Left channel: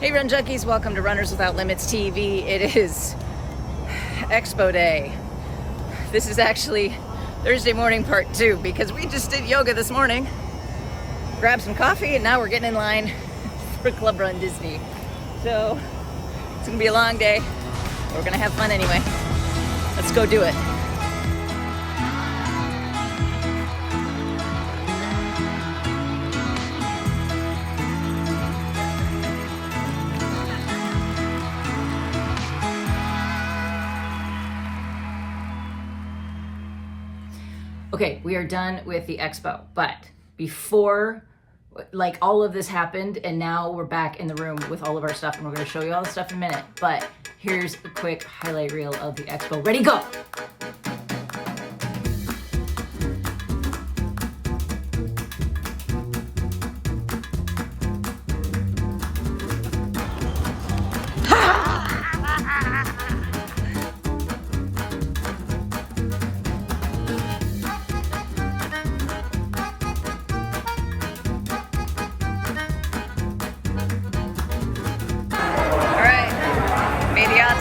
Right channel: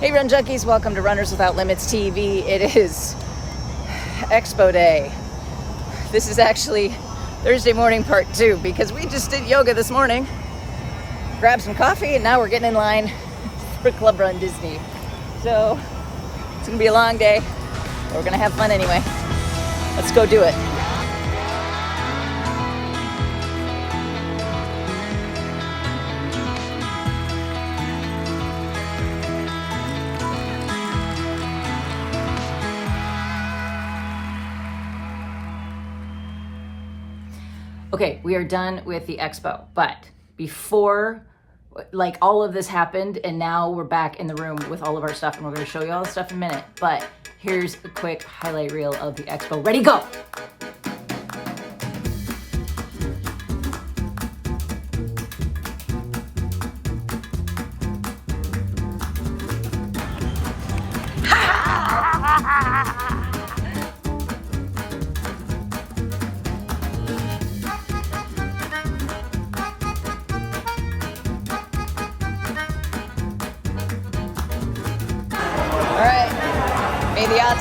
Hey Run Junkies, welcome to Runners Without Limits TV. It is Expo Day. This is actually Thursday morning part 2 because we just did yoga this morning, grabbed some coffee, and now we're getting in line for Club Rundisney. So it's gonna be a long day, but we're gonna have fun anyway. Let's go do it. Okay, we are done with the expo, but before all of this happened, and now we're back in the room with all of our stuff, and we're going to show you all the stuff in a minute, but here's a quick highlight reel of the expo. Ready, go!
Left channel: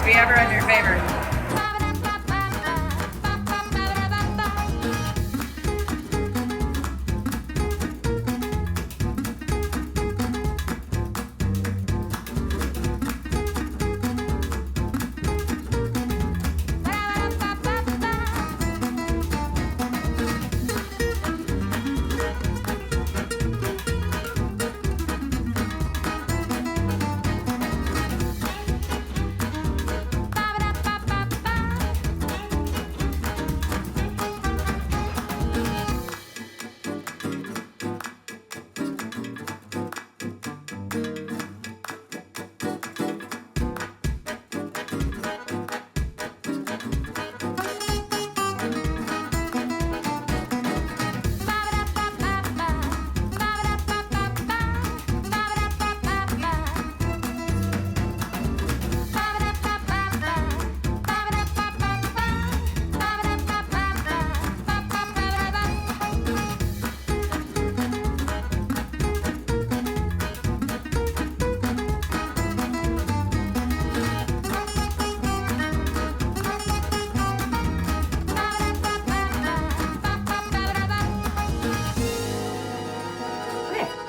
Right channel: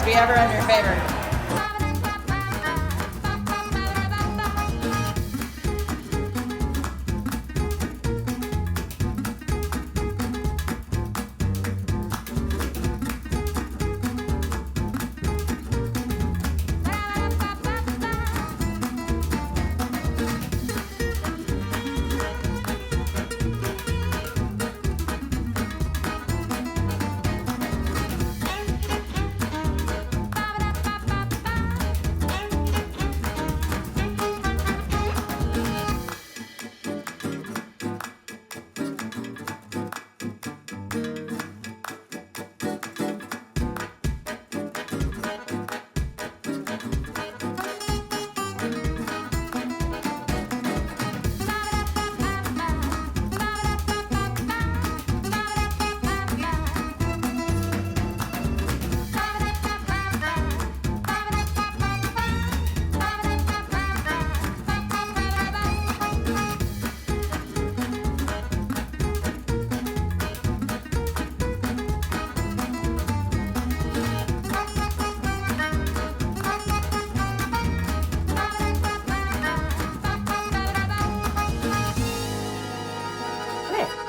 Be ever in your favor.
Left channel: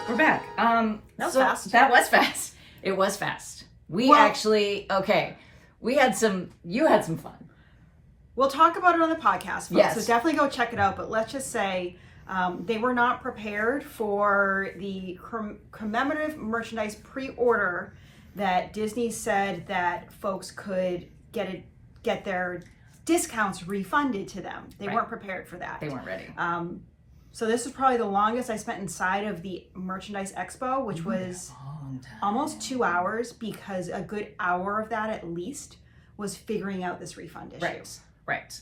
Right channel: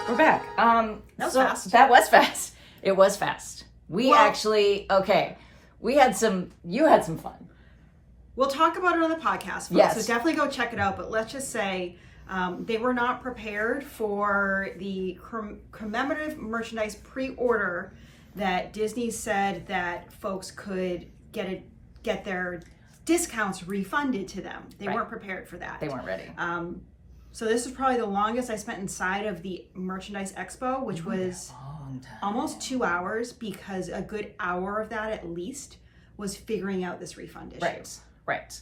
We're back. That was fast. That was fast. It was fast. We had some, you had some fun. We'll talk about it on the podcast, folks, yes. So definitely go check it out. But let's just say they were not prepared for the commemorative merchandise pre-order that Disney said that folks could get their discounts refunded to them. They weren't prepared for that. They weren't ready. So this is probably the longest I spent inside of the merchandise expo, which was almost 2 hours, because a good hour of that at least was figuring out this refund issue. Right.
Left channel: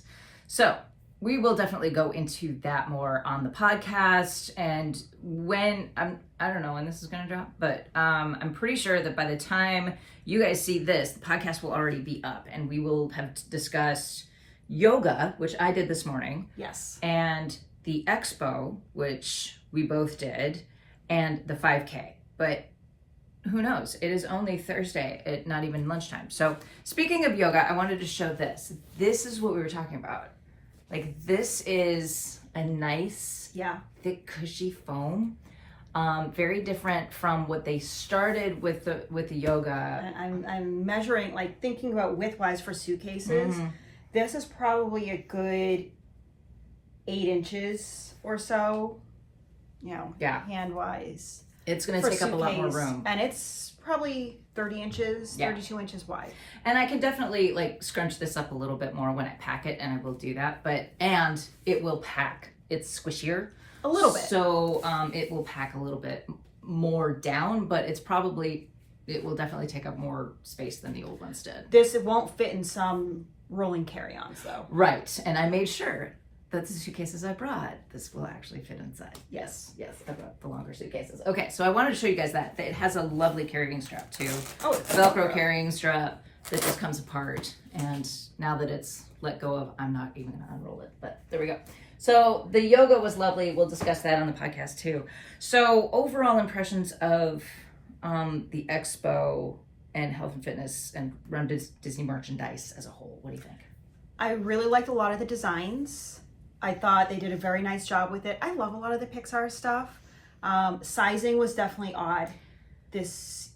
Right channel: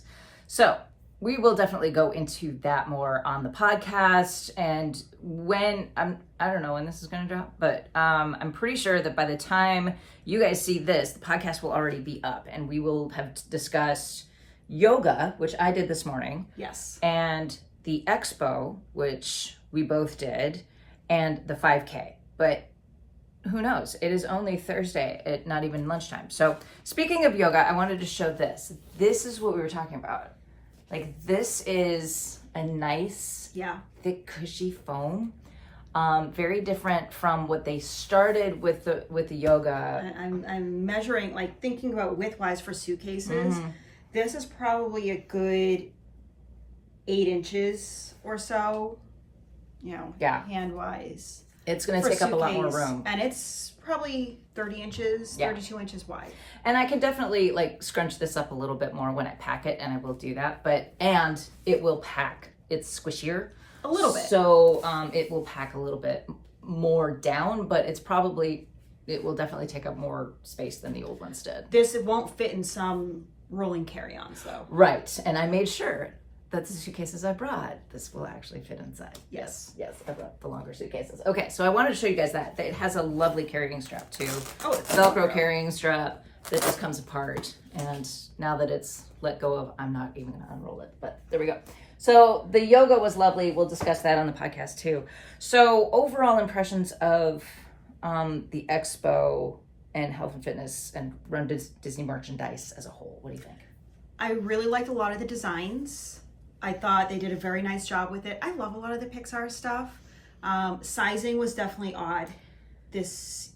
So we will definitely go into that more on the podcast, and when I don't know when this is going to drop, but I'm pretty sure that by the time you guys see this, the podcast will already be up, and we will have discussed yoga, which I did this morning. Yes. And the expo, which we both did, and the 5K. But who knows? It is only Thursday at not even lunchtime. So speaking of yoga, I wanted to show this. This is what we were talking about. Like, this is a nice, thick, cushy foam. Very different from what they started with the yoga. I'm measuring, thinking about width-wise for suitcases. Mm-hmm. This is probably a good 8 inches or so, hand-wise. It's going to take up a lot more room. And it's probably 30 inches, 32 inches wide. And I can definitely scrunch this up a little bit more when I pack it, and I will do that. And it will pack. It's squishier. A little bit. So it will pack a little bit more down, but it will definitely take up more space than the old ones did. It won't fit in some rolling carry-ons though. Right. And I made sure that the suitcases I brought, this will actually fit inside. Yes, I brought the longer suitcases. Okay, so I wanted to show you guys that. It has a lovely carrying strap too. Oh, it's Velcro carrying strap that just comes apart. And now that it's let go of, I'm not even gonna unroll it, but there we go. So the yoga was lovely. We'll discuss that on the podcast too. So overall impressions of the Expo and health and fitness and Disney merchandise as a whole? What do you think? I really liked a lot of the designs. I thought they did a very nice job with it. I love a lot of the Pixar stuff. Sizing was definitely odd this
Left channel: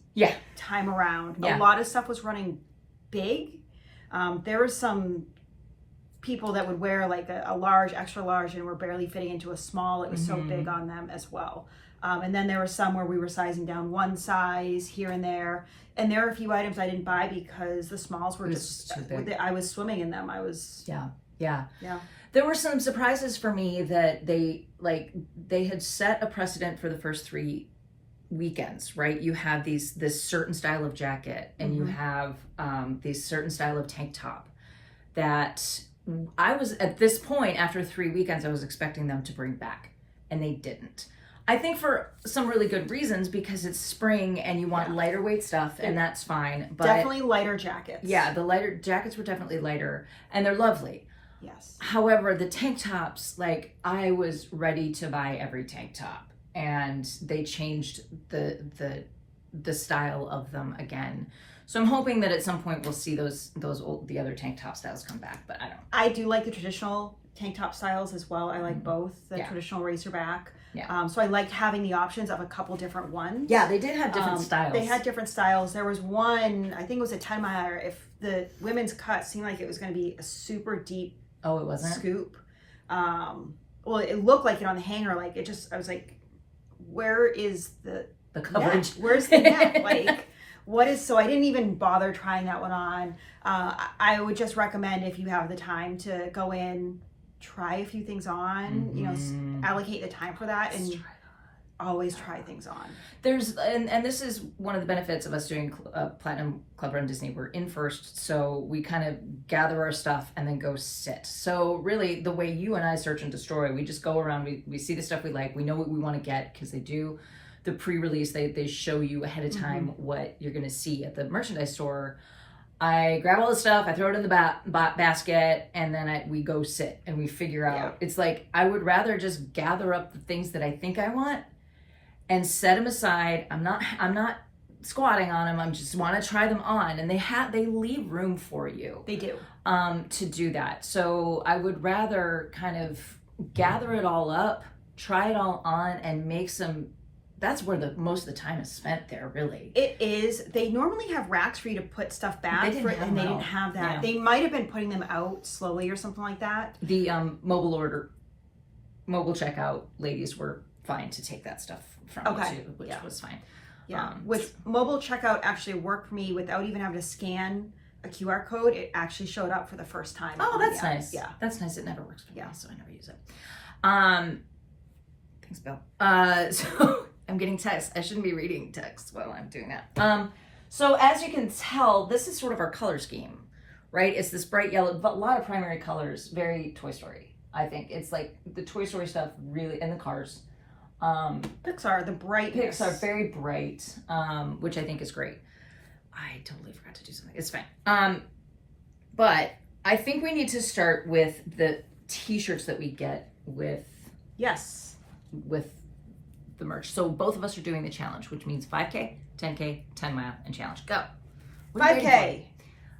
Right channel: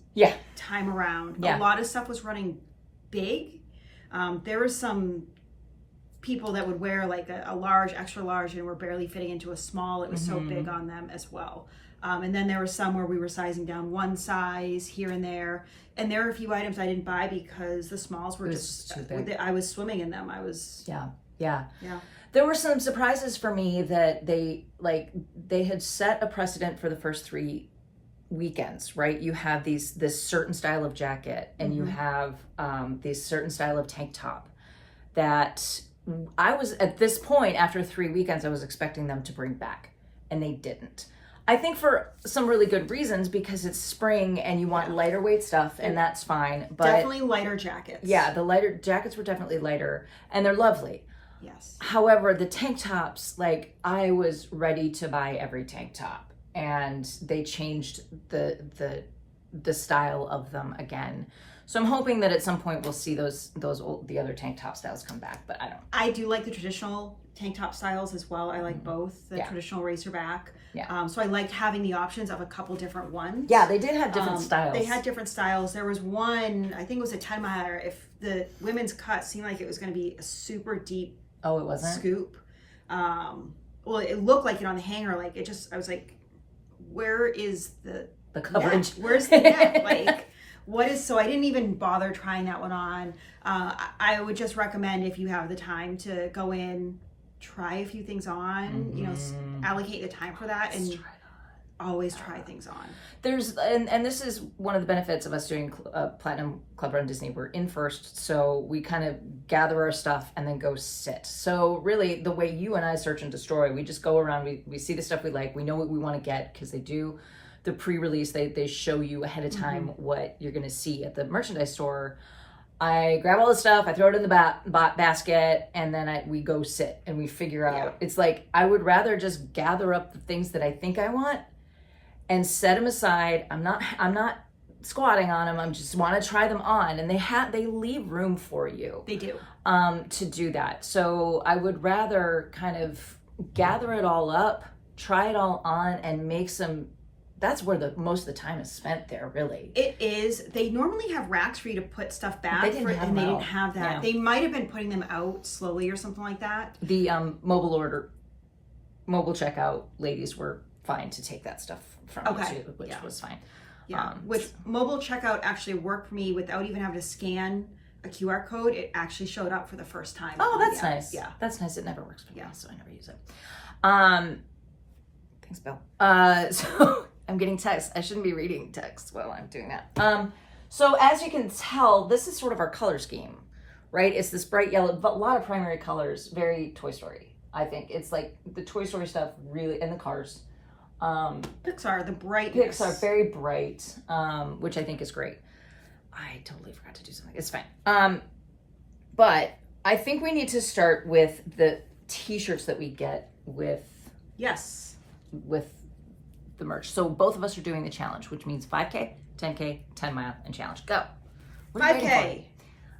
time around. A lot of stuff was running big. There were some people that would wear like a large, extra large, and were barely fitting into a small. It was so big on them as well. And then there were some where we were sizing down one size here and there. And there are a few items I didn't buy because the smalls were just too big. I was swimming in them. I was yeah. There were some surprises for me that they had set a precedent for the first 3 weekends, right? You have this certain style of jacket, and you have this certain style of tank top that I was, at this point after 3 weekends, I was expecting them to bring back, and they didn't. I think for some really good reasons, because it's spring and you want lighter weight stuff, and that's fine. But definitely lighter jackets. Yeah, the lighter jackets were definitely lighter, and they're lovely. Yes. However, the tank tops, like, I was ready to buy every tank top, and they changed the style of them again. So I'm hoping that at some point we'll see the other tank top styles come back, but I don't. I do like the traditional tank top styles as well. I like both the traditional racerback. Yeah. So I liked having the options of a couple different ones. Yeah, they did have different styles. They had different styles. There was one, I think it was a 10 miler. If the women's cut seemed like it was going to be a super deep it wasn't? Scoop. Well, it looked like it on the hanger. Like it just, I was like, where is the coverage? Net? Where's the net? Like, what is, so I didn't even bother trying that one on. I would just recommend, if you have the time, to go in, try a few things on, you know, allocate the time for that, and always try things on. There's, and this is one of the benefits of us doing Platinum Club Run Disney. We're in first, so we kind of gather our stuff and then go sit. So really, the way you and I search and destroy, we just go around, we see the stuff we like, we know what we want to get, because they do the pre-release, they show you ahead of time what you're going to see at the merchandise store. I grab all the stuff, I throw it in the basket, and then we go sit and we figure out. It's like, I would rather just gather up the things that I think I want and set them aside. I'm not squatting on them. I just want to try them on, and they leave room for you. They do. To do that. So I would rather kind of gather it all up, try it all on, and make some. That's where most of the time is spent there, really. It is. They normally have racks for you to put stuff back, and they didn't have that. Yeah. They might have been putting them out slowly or something like that. The mobile checkout ladies were fine to take that stuff from you too, which was fine. Yeah, which mobile checkout actually worked for me without even having to scan a QR code. It actually showed up for the first time. Oh, that's nice. Yeah, that's nice. It never works for me, so I never use it. Thanks, Bill. So I'm getting texts. I shouldn't be reading texts while I'm doing that. So as you can tell, this is sort of our color scheme, right? It's this bright yellow, but a lot of primary colors, very Toy Story. I think it's like the Toy Story stuff really, and the cars. Pixar, the brightness. Pixar, very bright, which I think is great. I totally forgot to do something. It's fine. But I think we need to start with the T-shirts that we get with the merch. So both of us are doing the challenge, which means 5K, 10K, 10 mile, and challenge. Go. 5K.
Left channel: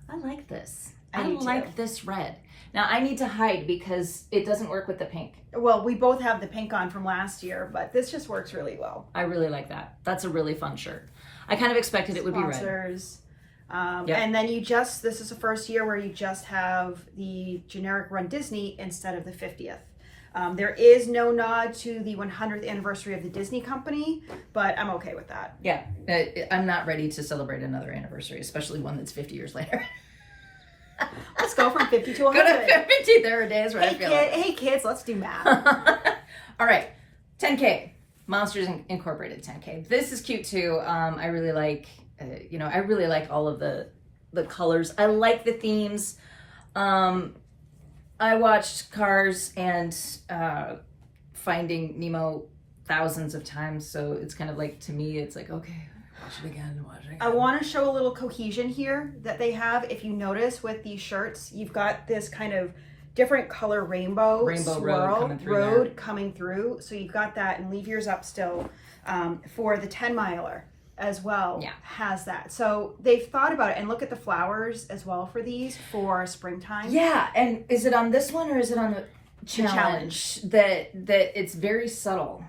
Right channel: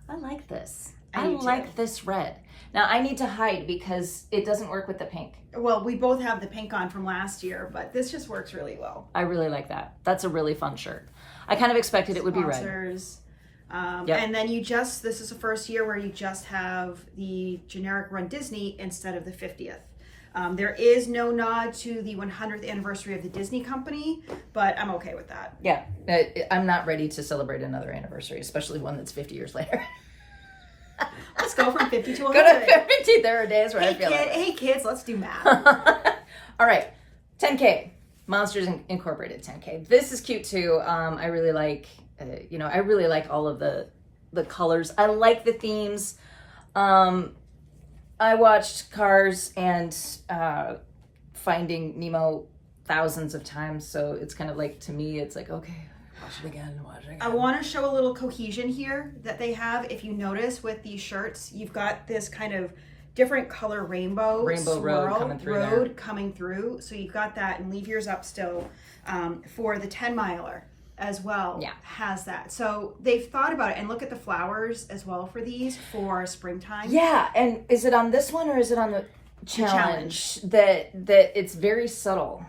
I like this. I like this red. Now I need to hide because it doesn't work with the pink. Well, we both have the pink on from last year, but this just works really well. I really like that. That's a really fun shirt. I kind of expected it would be red. Sponsors. And then this is the first year where you just have the generic Run Disney instead of the 50th. There is no nod to the 100th anniversary of the Disney company, but I'm okay with that. Yeah, I'm not ready to celebrate another anniversary, especially one that's 50 years later. Let's go from 50 to 100. Go to 50. There are days where I feel hey kids, let's do math. All right, 10K. Monsters Incorporated 10K. This is cute too. I really like, I really like all of the colors. I like the themes. I watched Cars and Finding Nemo thousands of times, so it's kind of like, to me, it's like, okay, watch it again. I want to show a little cohesion here that they have. If you notice with these shirts, you've got this kind of different color rainbow road coming through. So you've got that, and leave yours up still for the 10 miler as well Yeah. has that. So they've thought about it, and look at the flowers as well for these for springtime. Yeah, and is it on this one or is it on the challenge? That it's very subtle.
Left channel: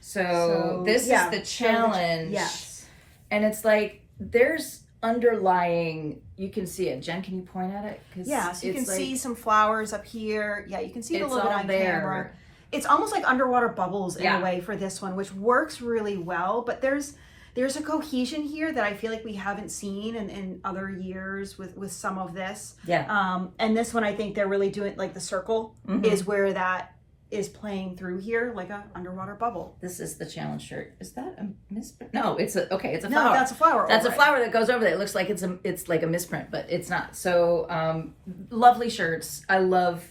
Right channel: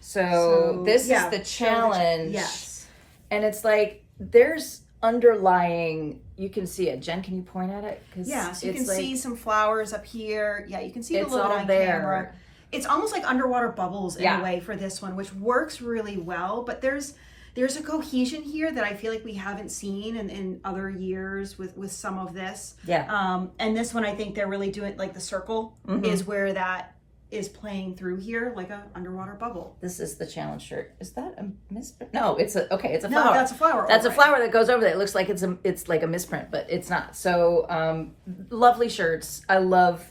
So this is the challenge. Yes. And it's like there's underlying, you can see it. Jen, can you point at it? Yeah, so you can see some flowers up here. Yeah, you can see it a little bit on there. camera. It's almost like underwater bubbles in a way for this one, which works really well. But there's a cohesion here that I feel like we haven't seen in other years with some of this. Yeah. And this one, I think they're really doing, like the circle is where that is playing through here, like a underwater bubble. This is the challenge shirt. Is that a misprint? No, it's a flower. No, that's a flower. That's a flower that goes over there. It looks like it's like a misprint, but it's not. So lovely shirts. I love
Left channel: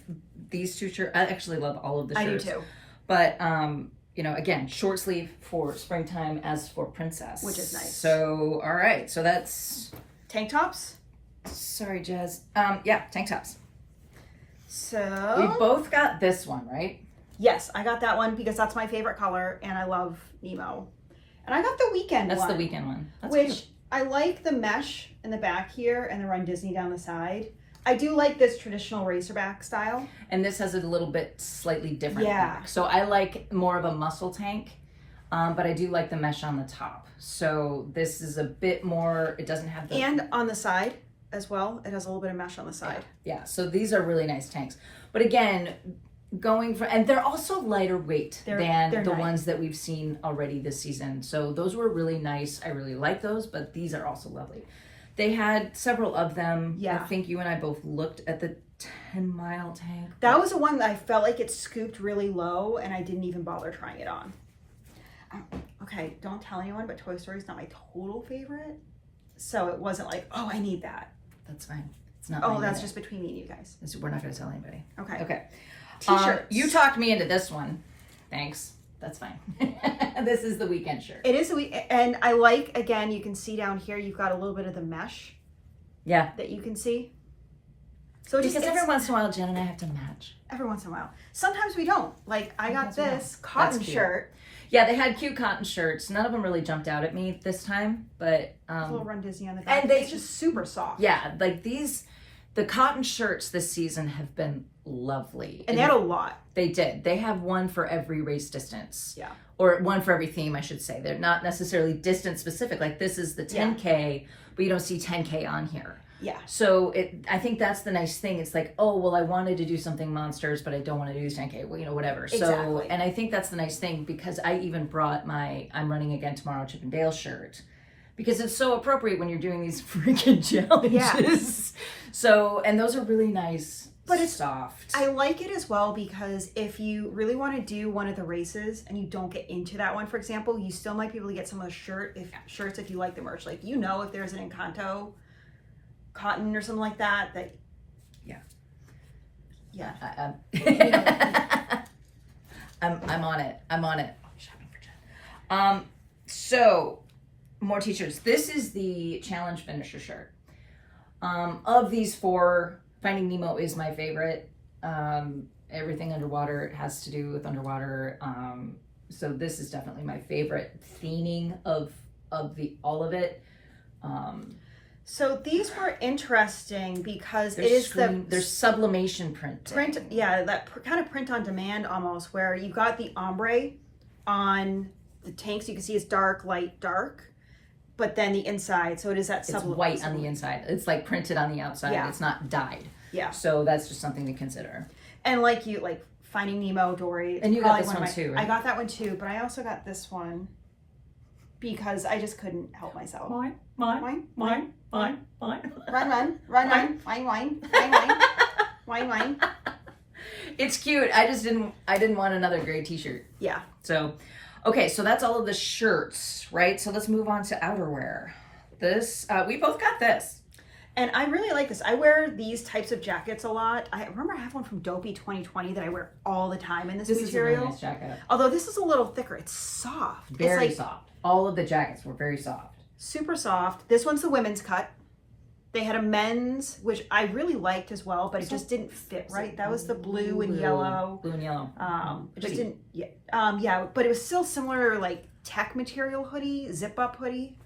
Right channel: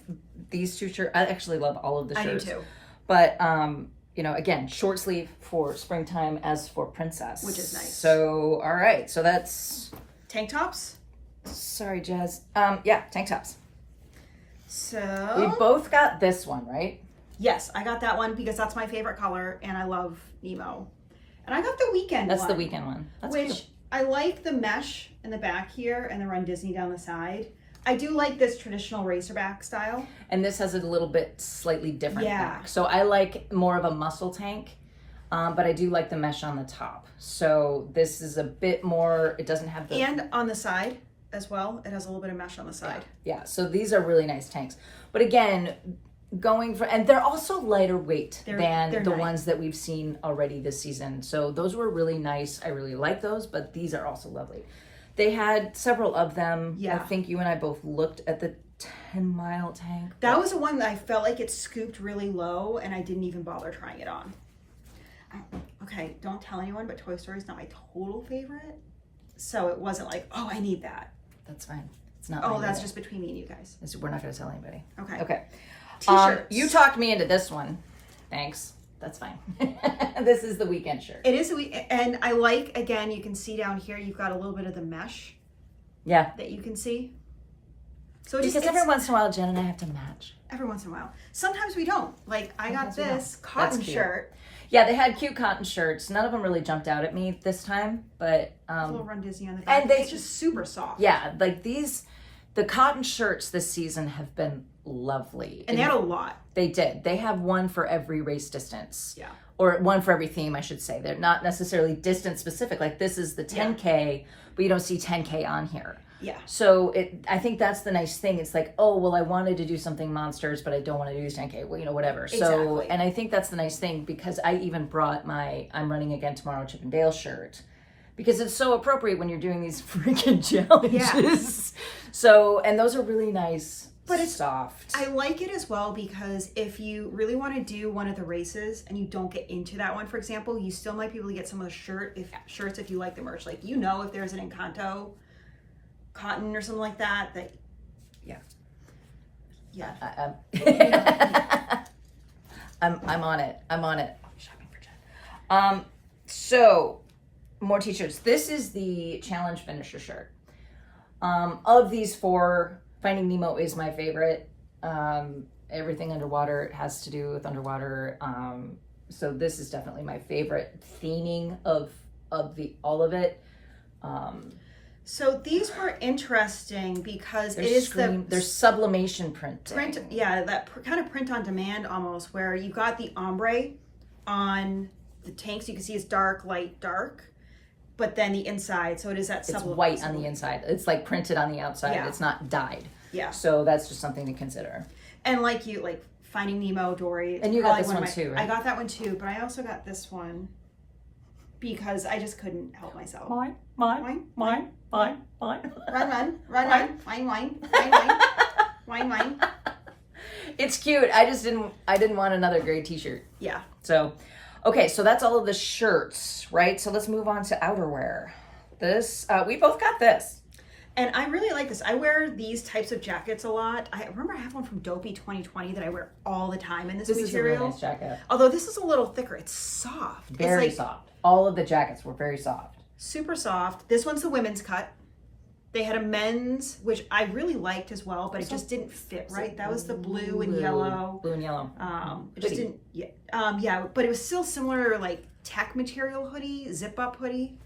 these two shirts. I actually love all of the shirts. I do too. But again, short sleeve for springtime as for princess, which is nice. So all right, so that's tank tops. Sorry, Jazz. Tank tops. So we both got this one, right? Yes, I got that one because that's my favorite color, and I love Nemo. And I got the weekend one. That's the weekend one. That's which cute. I like the mesh in the back here and the Rundisney down the side. I do like this traditional racerback style. And this has a little bit slightly different back. So I like more of a muscle tank, but I do like the mesh on the top. So this is a bit more, it doesn't have the... And on the side as well, it has a little bit of mesh on the side. Yeah, so these are really nice tanks. But again, going for, and they're also lighter weight than the nice. Ones that we've seen already this season. So those were really nice. I really like those, but these are also lovely. They had several of them. Yeah. I think you and I both looked at the 10-mile tank. That was the one that I felt like it scooped really low, and I didn't even bother trying it on. Okay, don't tell anyone, but Toy Story is not my total favorite. So it wasn't like, oh, I need that. That's fine. It's not. Oh, that's just between me and you guys. We're not going to tell anybody. Okay. Okay. T-shirts. You talked me into this one. Thanks. That's fine. This is the weekend shirt. It is a week, and I like, again, you can see down here, you've got a little bit of the mesh. Yeah. That you can see. So because every once in a while, Jen and I have to match. Every once in a while. Sometimes we don't. Like, I got this cotton shirt. Yeah, they had cute cotton shirts. None of them really jumped out at me this time, but... a little Rundisney on the back. And it's just super soft. Yeah, like the cotton shirts this season have been lovely. And they had a lot. They did. They have one for every race distance. Yeah. Or one for every theme, I should say. They're not necessarily distance specific. Like this is the 10K, but you don't see 10K on here. Yeah. So I think that's the nice thing. It's like, oh, well, I wanted to do something monsters, but I don't want to do 10K. Well, whatever. Exactly. So, and I think that's the nice thing because I even brought my I'm running again tomorrow Chip and Dale shirt because it's so appropriate when you're doing these freaking challenges. Yeah. So, and those are really nice. But it's soft. I like it as well because if you really want to do one of the races and you don't get into that one, for example, you still might be able to get some of the shirts if you like the merch. Like, if there's an Encanto cotton or something like that, yeah. I'm on it. Shopping for Jen. So more t-shirts. This is the challenge finisher shirt. Of these four, Finding Nemo is my favorite. Everything underwater has to do with underwater. So this is definitely my favorite theming of all of it. So these were interesting because there's sublimation print. That kind of print on demand almost, where you got the ombre on the tank, so you can see it's dark, light, dark. But then the inside, so it is that it's white on the inside. It's like printed on the outside. Yeah. It's not dyed. Yeah. So that's just something to consider. And like Finding Nemo, Dory. And you got this one too, right? I got that one too, but I also got this one because I just couldn't help myself. Mine. Run. It's cute. I didn't want another gray t-shirt. Yeah. So, okay, so that's all of the shirts, right? So let's move on to outerwear. This, we both got this. And I really like this. I wear these types of jackets a lot. I remember I have one from Dopey 2020 that I wear all the time in this material. This is a really nice jacket. Although this is a little thicker. It's soft. Very soft. All of the jackets were very soft. Super soft. This one's the women's cut. They had a men's, which I really liked as well, but it just didn't fit right. That was the blue and yellow. Blue and yellow. It just didn't, but it was still similar, like tech material hoodie, zip up hoodie.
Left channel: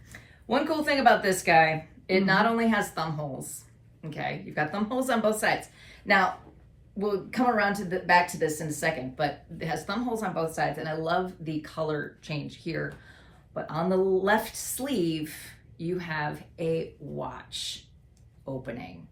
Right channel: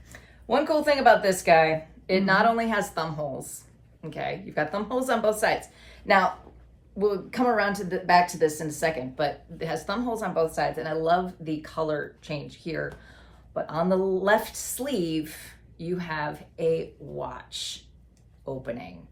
One cool thing about this guy, it not only has thumb holes, okay? You've got thumb holes on both sides. Now, we'll come around to back to this in a second, but it has thumb holes on both sides, and I love the color change here. But on the left sleeve, you have a watch opening.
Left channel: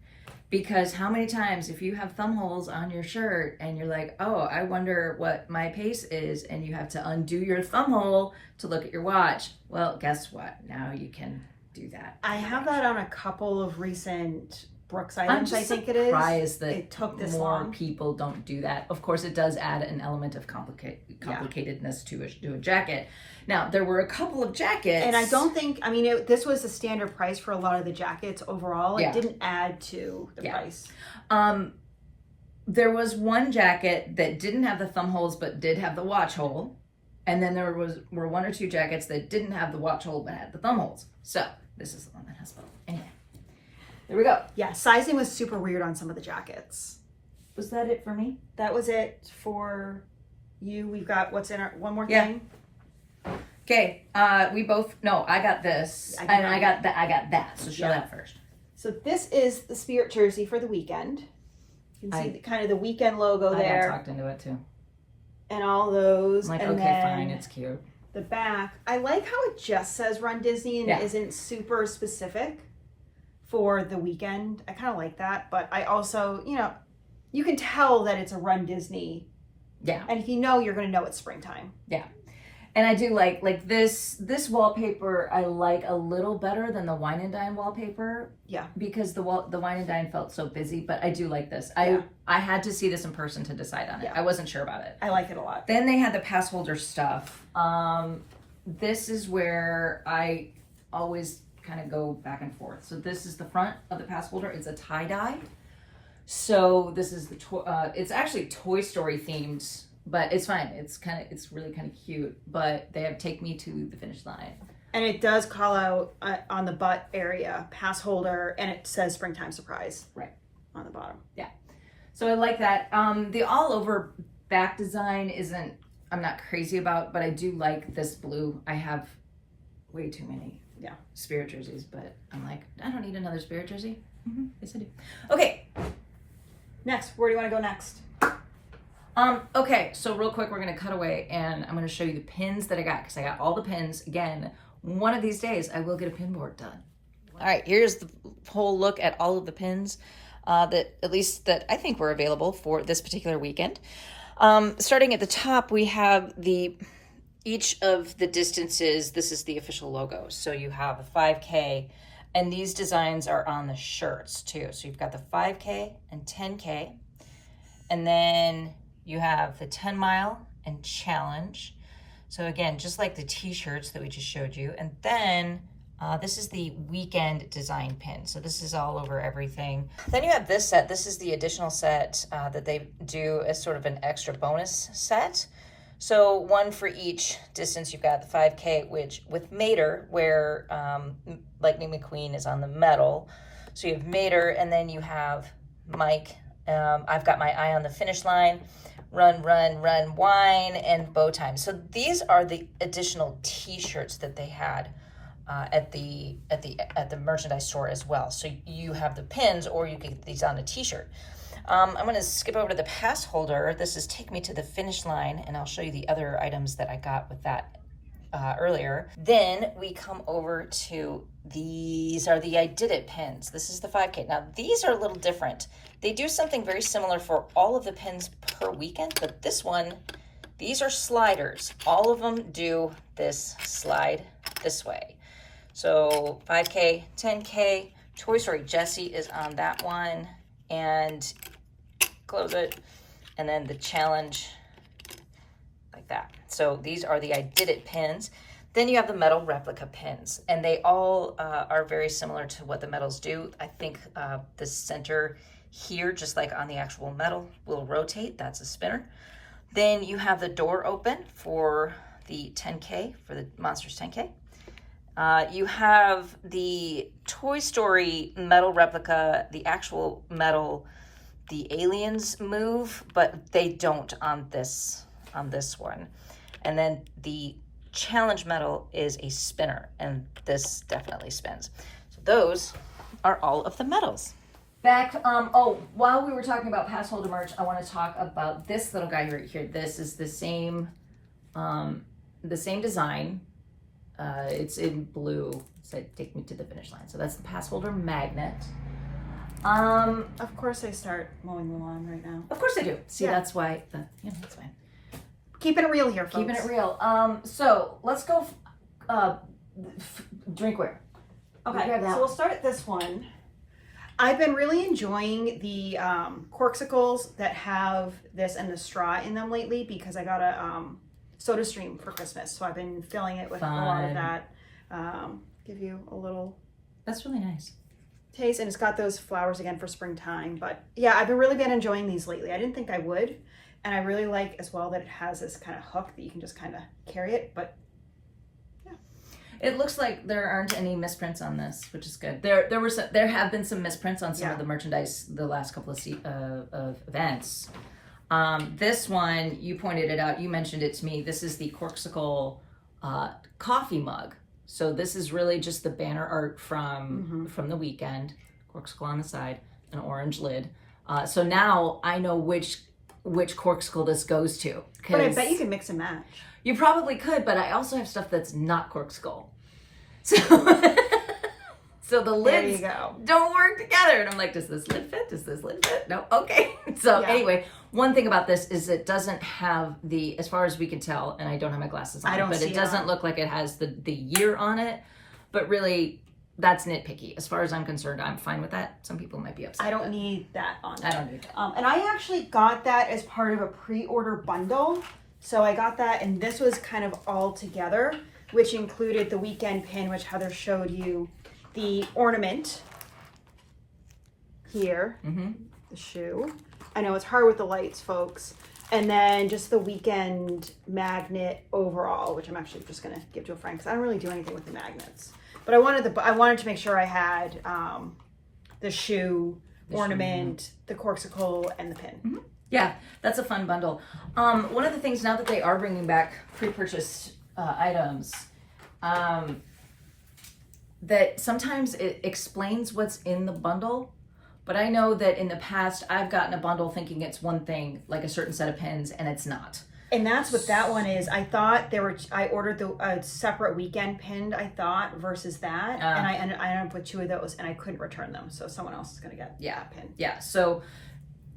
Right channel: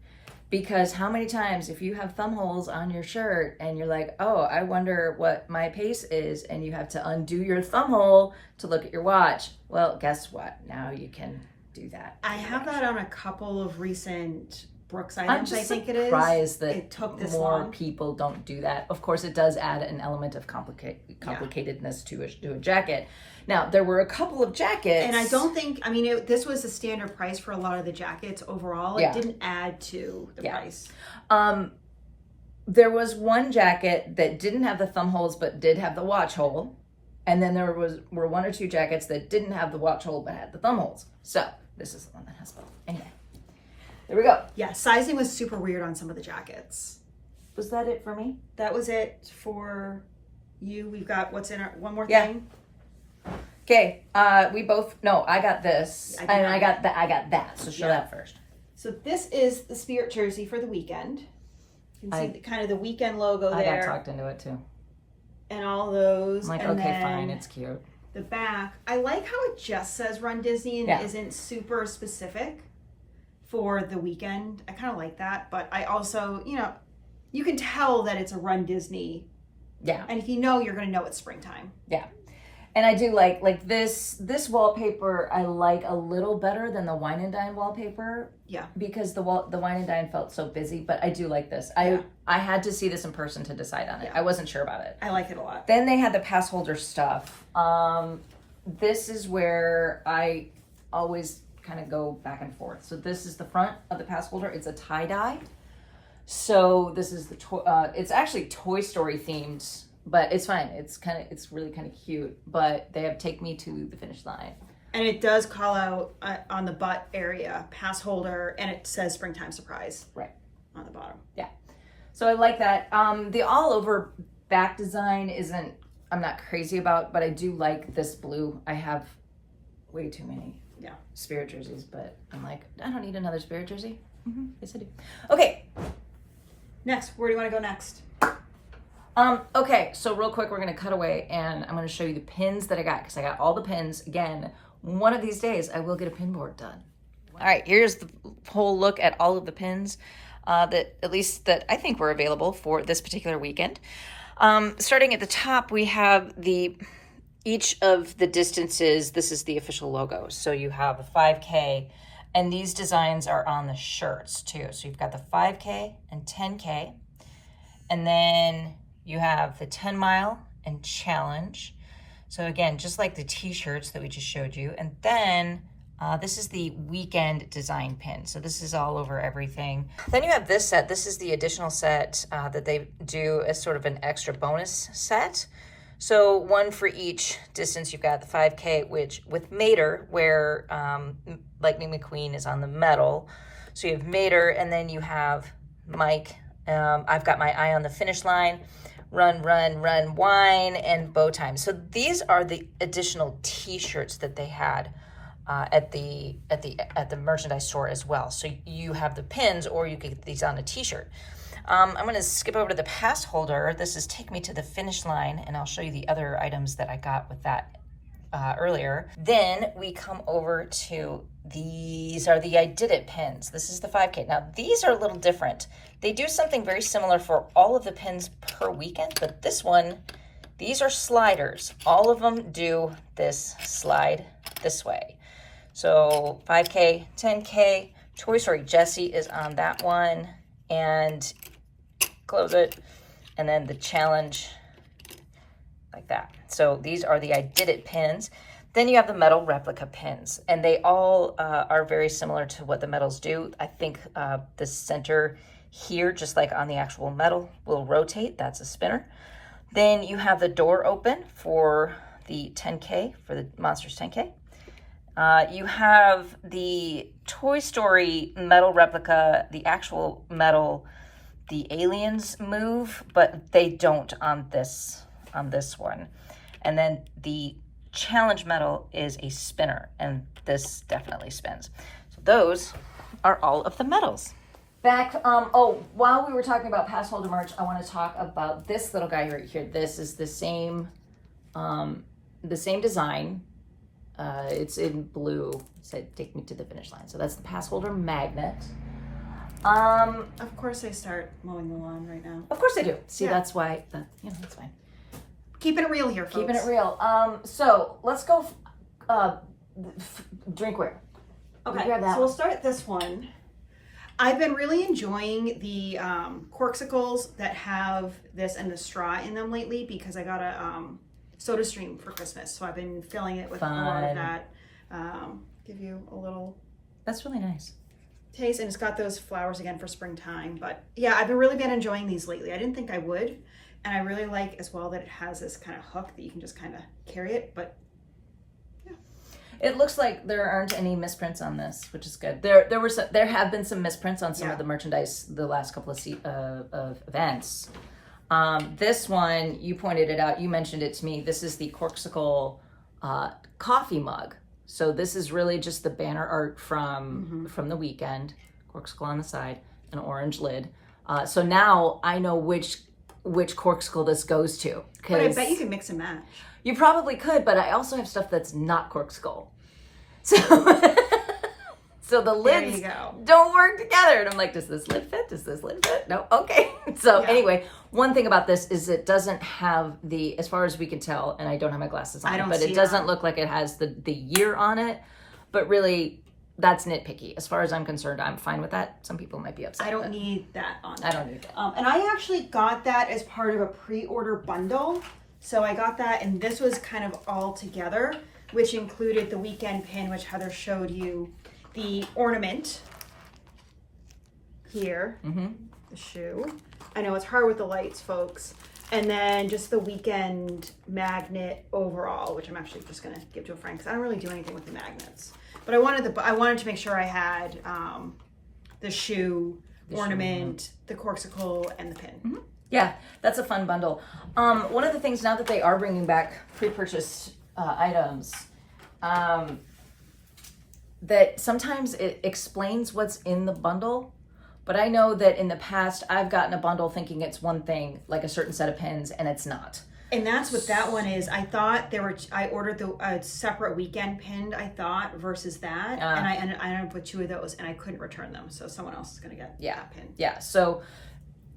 Because how many times, if you have thumb holes on your shirt and you're like, oh, I wonder what my pace is, and you have to undo your thumb hole to look at your watch, well, guess what? Now you can do that. I have that on a couple of recent Brooks items, I'm I just think it is. surprised that it took this more long. people don't do that. Of course, it does add an element of complicatedness to a jacket. Now, there were a couple of jackets. And I don't think, I mean, this was a standard price for a lot of the jackets overall. It didn't add to the price. There was one jacket that didn't have the thumb holes but did have the watch hole. And then there were one or two jackets that didn't have the watch hole but had the thumb holes. So, this is the one that has both. Anyway, there we go. Yeah, sizing was super weird on some of the jackets. Was that it for me? That was it for you. We've got what's in our, one more thing. Okay, we both, no, I got this, I got that, so show that first. So this is the Spirit jersey for the weekend. You can see kind of the weekend logo there. I got talked into it too. And all those. I'm like, and okay, fine, it's cute. The back, I like how it just says Rundisney and it isn't super specific for the weekend. I kind of like that, but I also, you know, you can tell that it's a Rundisney. Yeah. And if you know, you're going to know it's springtime. Yeah. And I do like this wallpaper I like a little better than the Wine and Dine wallpaper. Yeah. Because the Wine and Dine felt so busy, but I do like this. I had to see this in person to decide on it. I wasn't sure about it. I like it a lot. Then they had the pass holder stuff. This is where I always kind of go back and forth. So this is the front of the pass holder. It's a tie-dye. So this is the it's actually Toy Story themed. But it's fine. It's really kind of cute. But they have Take Me to the Finish Line. And it does call out on the butt area, pass holder, and it says Springtime Surprise. Right. On the bottom. Yeah. So I like that. The all over back design I'm not crazy about, but I do like this blue. I have way too many Spirit jerseys, but I'm like, I don't need another Spirit jersey. Yes, I do. Okay. Next, where do you want to go next? Okay, so real quick, we're going to cut away and I'm going to show you the pins that I got because I got all the pins. Again, one of these days I will get a pin board done. All right, here's the whole look at all of the pins that I think were available for this particular weekend. Starting at the top, we have each of the distances. This is the official logo. So you have a 5K, and these designs are on the shirts too. So you've got the 5K and 10K, and then you have the 10 mile and challenge. So again, just like the t-shirts that we just showed you. And then this is the weekend design pin. So this is all over everything. Then you have this set. This is the additional set that they do as sort of an extra bonus set. So one for each distance. You've got the 5K, which with Mater, where Lightning McQueen is on the medal. So you have Mater, and then you have Mike. I've got my eye on the finish line. Run, wine, and bow time. So these are the additional t-shirts that they had at the merchandise store as well. So you have the pins, or you could get these on a t-shirt. I'm going to skip over to the pass holder. This is Take Me to the Finish Line, and I'll show you the other items that I got with that earlier. Then we come over to these are the I Did It pins. This is the 5K. Now these are a little different. They do something very similar for all of the pins per weekend, but this one, these are sliders. All of them do this slide this way. So 5K, 10K, Toy Story Jessie is on that one, and close it, and then the challenge like that. So these are the I Did It pins. Then you have the metal replica pins, and they all are very similar to what the medals do. I think the center here, just like on the actual medal, will rotate. That's a spinner. Then you have the door open for the 10K, for the Monsters 10K. You have the Toy Story metal replica, the actual metal, the aliens move, but they don't on this one. And then the challenge medal is a spinner, and this definitely spins. So those are all of the medals. Back, while we were talking about pass holder merch, I want to talk about this little guy right here. This is the same design. It's in blue. It said, "Take me to the finish line." So that's the pass holder magnet. Of course they start mowing the lawn right now. Of course they do. See, Yeah. that's why, that's fine. Keeping it real here, folks. Keeping it real. So let's go drinkware. Okay, so we'll start at this one. I've been really enjoying the corksicles that have this and the straw in them lately because I got a soda stream for Christmas. So I've been filling it with a lot of that. Give you a little... That's really nice. Taste, and it's got those flowers again for springtime. But yeah, I've really been enjoying these lately. I didn't think I would. And I really like as well that it has this kind of hook that you can just kind of carry it. But it looks like there aren't any misprints on this, which is good. There have been some misprints on some of the merchandise the last couple of events. This one, you pointed it out. You mentioned it to me. This is the Corksicle coffee mug. So this is really just the banner art from the weekend. Corksicle on the side, an orange lid. So now I know which Corksicle this goes to. But I bet you can mix and match. You probably could, but I also have stuff that's not Corksicle. So, so the lids don't work together. And I'm like, does this lid fit? Does this lid fit? No? Okay. So anyway, one thing about this is it doesn't have the, as far as we can tell, and I don't have my glasses on, but it doesn't look like it has the year on it. But really, that's nitpicky. As far as I'm concerned, I'm fine with that. Some people might be upset. I don't need that on there. I don't need that. And I actually got that as part of a pre-order bundle. So I got that, and this was kind of all together, which included the weekend pin, which Heather showed you, the ornament here, the shoe. I know it's hard with the lights, folks. And then just the weekend magnet overall, which I'm actually just gonna give to a friend because I don't really do anything with the magnets. But I wanted to make sure I had the shoe, ornament, the Corksicle, and the pin. Yeah, that's a fun bundle. One of the things now that they are bringing back pre-purchased items, that sometimes it explains what's in the bundle. But I know that in the past, I've gotten a bundle thinking it's one thing, like a certain set of pins, and it's not. And that's what that one is. I thought I ordered a separate weekend pinned, I thought, versus that. And I ended up with 2 of those, and I couldn't return them. So someone else is going to get that pin. Yeah, so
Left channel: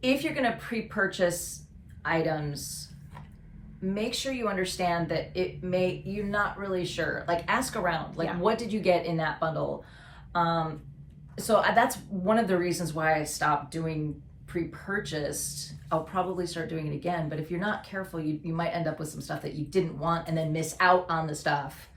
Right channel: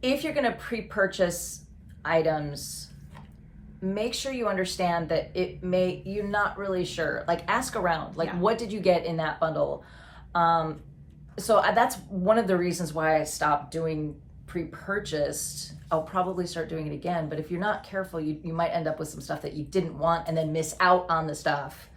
if you're going to pre-purchase items, make sure you understand that you're not really sure. Like, ask around. Like, what did you get in that bundle? So that's one of the reasons why I stopped doing pre-purchased. I'll probably start doing it again, but if you're not careful, you might end up with some stuff that you didn't want and then miss out on the stuff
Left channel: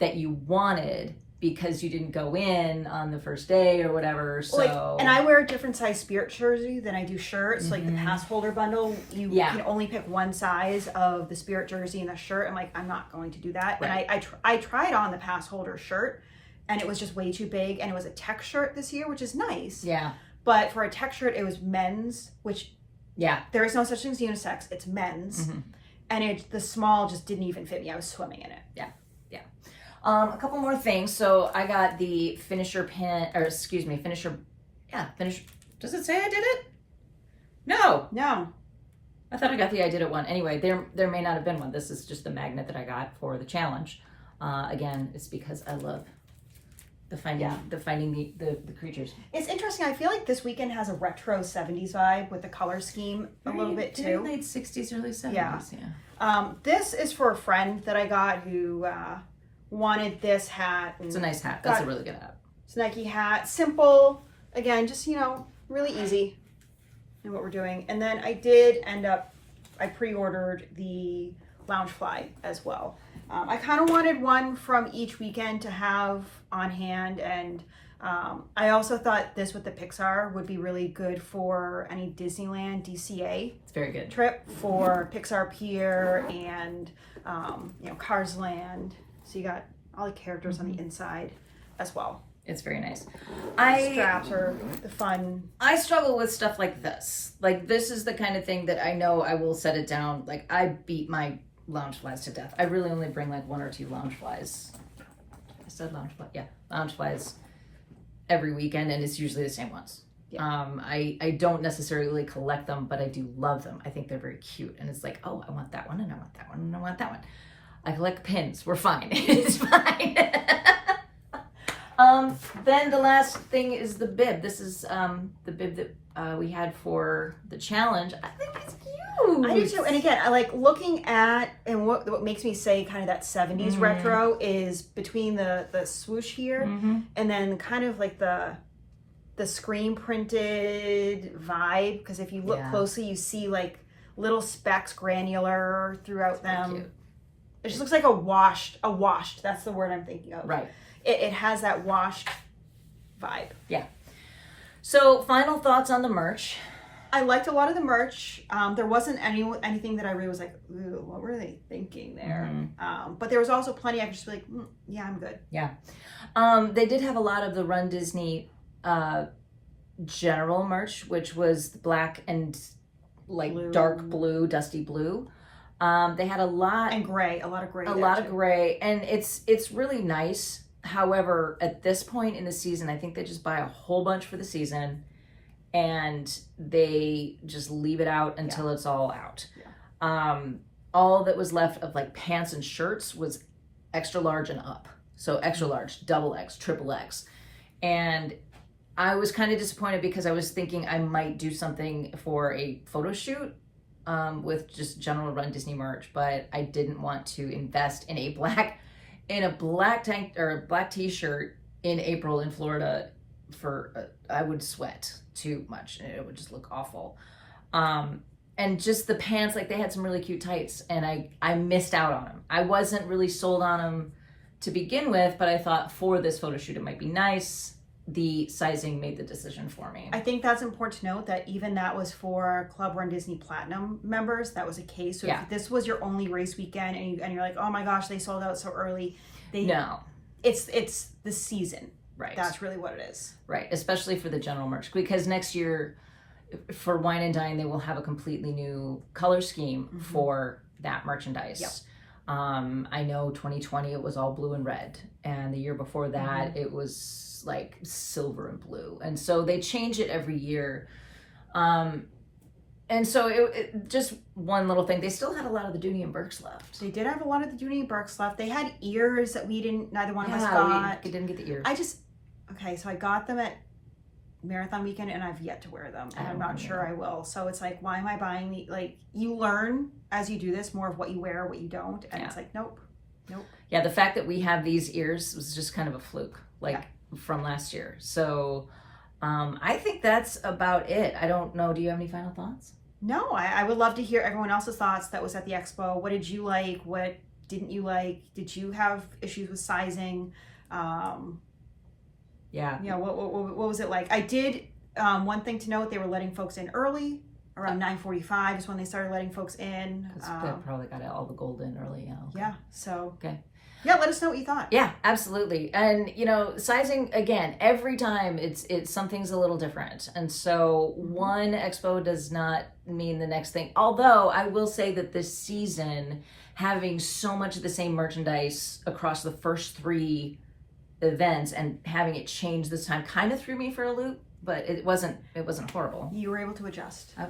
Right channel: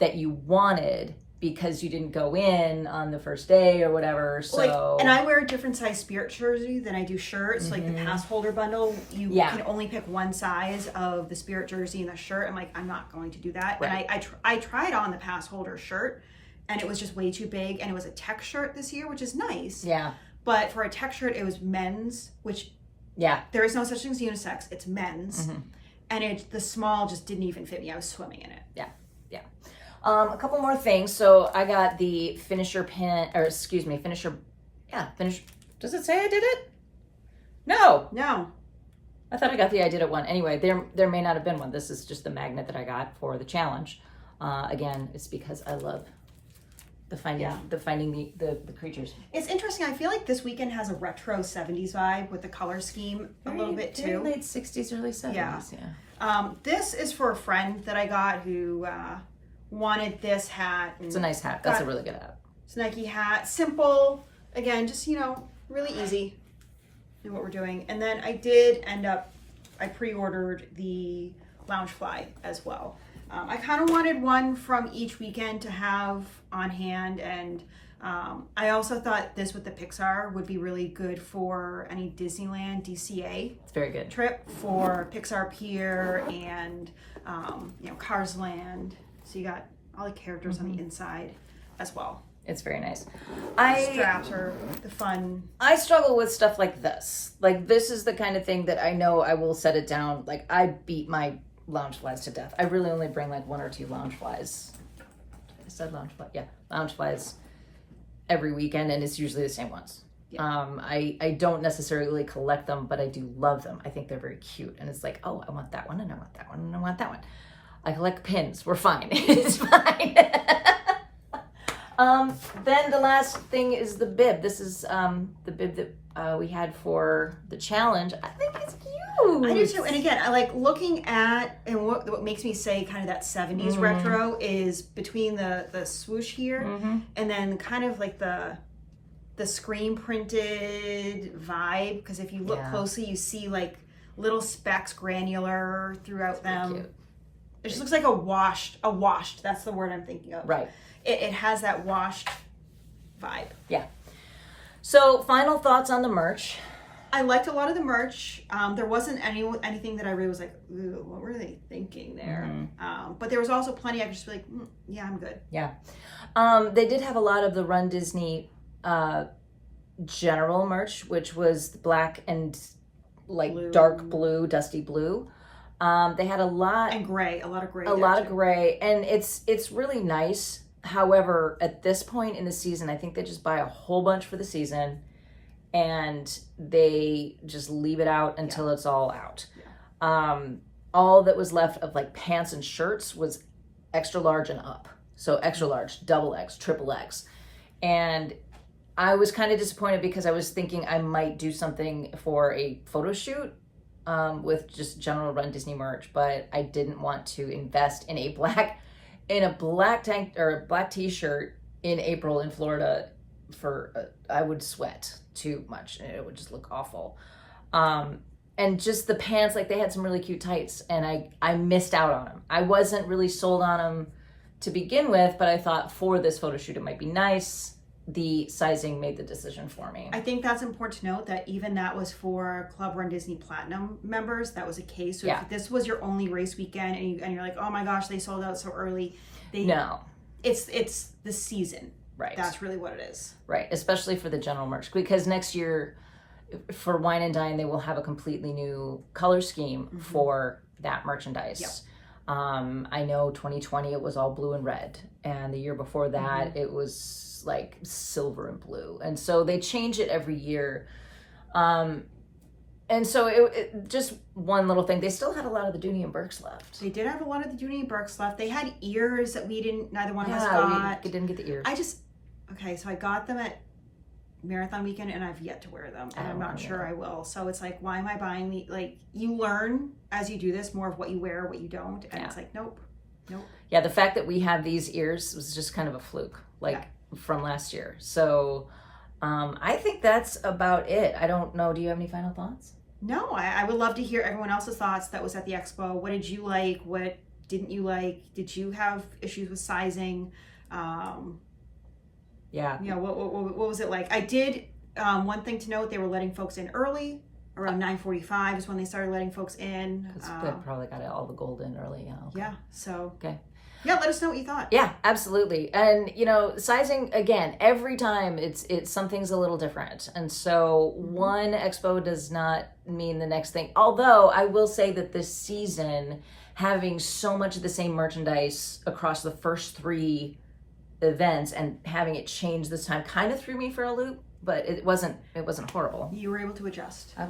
that you wanted because you didn't go in on the first day or whatever. So and I wear a different size Spirit jersey than I do shirts. Like the pass holder bundle, you can only pick one size of the Spirit jersey and a shirt. I'm like, I'm not going to do that. Right. And I tried on the pass holder shirt, and it was just way too big, and it was a tech shirt this year, which is nice. Yeah. But for a tech shirt, it was men's, which there is no such thing as unisex. It's men's. And the small just didn't even fit me. I was swimming in it. Yeah. A couple more things. So I got the finisher pin, finisher. Does it say I did it? No. I thought I got the I did it one. Anyway, there may not have been one. This is just the magnet that I got for the challenge. Again, it's because I love the finding the creatures. It's interesting. I feel like this weekend has a retro 70s vibe with the color scheme a little bit too. Late 60s, early 70s. Yeah. This is for a friend that I got who wanted this hat. It's a nice hat. That's a really good hat. It's a Nike hat. Simple. Again, just, really easy in what we're doing. And then I pre-ordered the Loungefly as well. I kind of wanted one from each weekend to have on hand, and I also thought this with the Pixar would be really good for any Disneyland DCA it's very good trip for Pixar Pier and Cars Land. So you got all the characters on the inside as well. It's very nice. Straps are the fun. I struggle with stuff like this. Like, this is the kind of thing that I know I will set it down. Like, I beat my Loungeflies to death. I really only bring like 1 or 2 Loungeflies. I said Loungeflies. Yeah, Loungeflies every weekend, and it's usually the same ones. Yeah. I don't necessarily collect them, but I do love them. I think they're very cute, and it's like, oh, I want that one, and I want that one, and I want that one. I collect pins. We're fine. It's fine. Then the last thing is the bib. This is the bib that we had for the challenge. I think it's cute. I do too. And again, I like looking at, and what makes me say kind of that 70s retro is between the swoosh here and then kind of like the screen printed vibe. Because if you look closely, you see like little specks granular throughout them. Cute. It just looks like a washed, that's the word I'm thinking of. Right. It has that washed vibe. Yeah. So final thoughts on the merch. I liked a lot of the merch. There wasn't anything that I really was like, ooh, what were they thinking there? But there was also plenty I could just be like, yeah, I'm good. Yeah. They did have a lot of the Rundisney general merch, which was black and like blue. Dark blue, dusty blue. They had a lot. And gray, a lot of gray. A lot of gray. And it's really nice. However, at this point in the season, I think they just buy a whole bunch for the season and they just leave it out until it's all out. Yeah. All that was left of like pants and shirts was extra large and up. So extra large, double X, triple X. And I was kind of disappointed because I was thinking I might do something for a photo shoot with just general Rundisney merch, but I didn't want to invest in a black tank or a black t-shirt in April in Florida for I would sweat too much and it would just look awful. And just the pants, like they had some really cute tights and I missed out on them. I wasn't really sold on them to begin with, but I thought for this photo shoot it might be nice. The sizing made the decision for me. I think that's important to note that even that was for Club Rundisney Platinum members. That was a case. So if this was your only race weekend and you're like, oh my gosh, they sold out so early. It's the season. Right. That's really what it is. Right. Especially for the general merch, because next year for Wine and Dine, they will have a completely new color scheme for that merchandise. Yep. I know 2020 it was all blue and red, and the year before that it was like silver and blue, and so they change it every year. And so it just one little thing. They still had a lot of the Dooney and Burks left. They did have a lot of the Dooney and Burks left. They had ears that neither one of us got. We didn't get the ears. So I got them at Marathon weekend and I've yet to wear them, and I'm not sure I will. So it's like, why am I buying the, like, you learn as you do this more of what you wear, what you don't, and it's like, nope. Yeah, the fact that we have these ears was just kind of a fluke, from last year. So I think that's about it. I don't know. Do you have any final thoughts? No, I would love to hear everyone else's thoughts that was at the expo. What did you like? What didn't you like? Did you have issues with sizing? Yeah. What was it like? I did, one thing to note, they were letting folks in early. Around 9:45 is when they started letting folks in. They probably got all the gold in early. Yeah. Okay. Yeah. So. Okay. Yeah, let us know what you thought. Yeah, absolutely. And sizing again, every time it's something's a little different. And so one expo does not mean the next thing. Although I will say that this season, having so much of the same merchandise across the first 3 events and having it change this time kind of threw me for a loop, but it wasn't horrible. You were able to adjust. I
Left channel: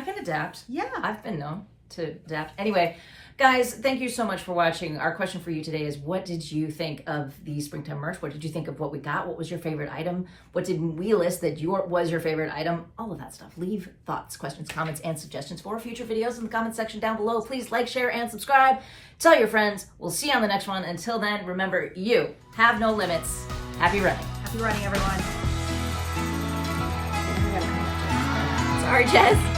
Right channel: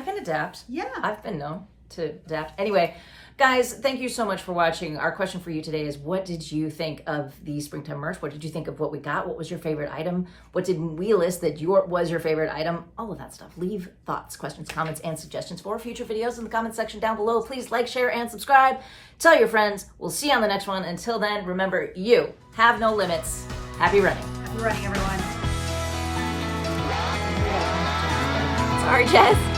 can adapt. Yeah. I've been known to adapt. Anyway, guys, thank you so much for watching. Our question for you today is, what did you think of the springtime merch? What did you think of what we got? What was your favorite item? What did we list that was your favorite item? All of that stuff. Leave thoughts, questions, comments, and suggestions for future videos in the comment section down below. Please like, share, and subscribe. Tell your friends. We'll see you on the next one. Until then, remember, you have no limits. Happy running. Happy running, everyone. Sorry, Jess.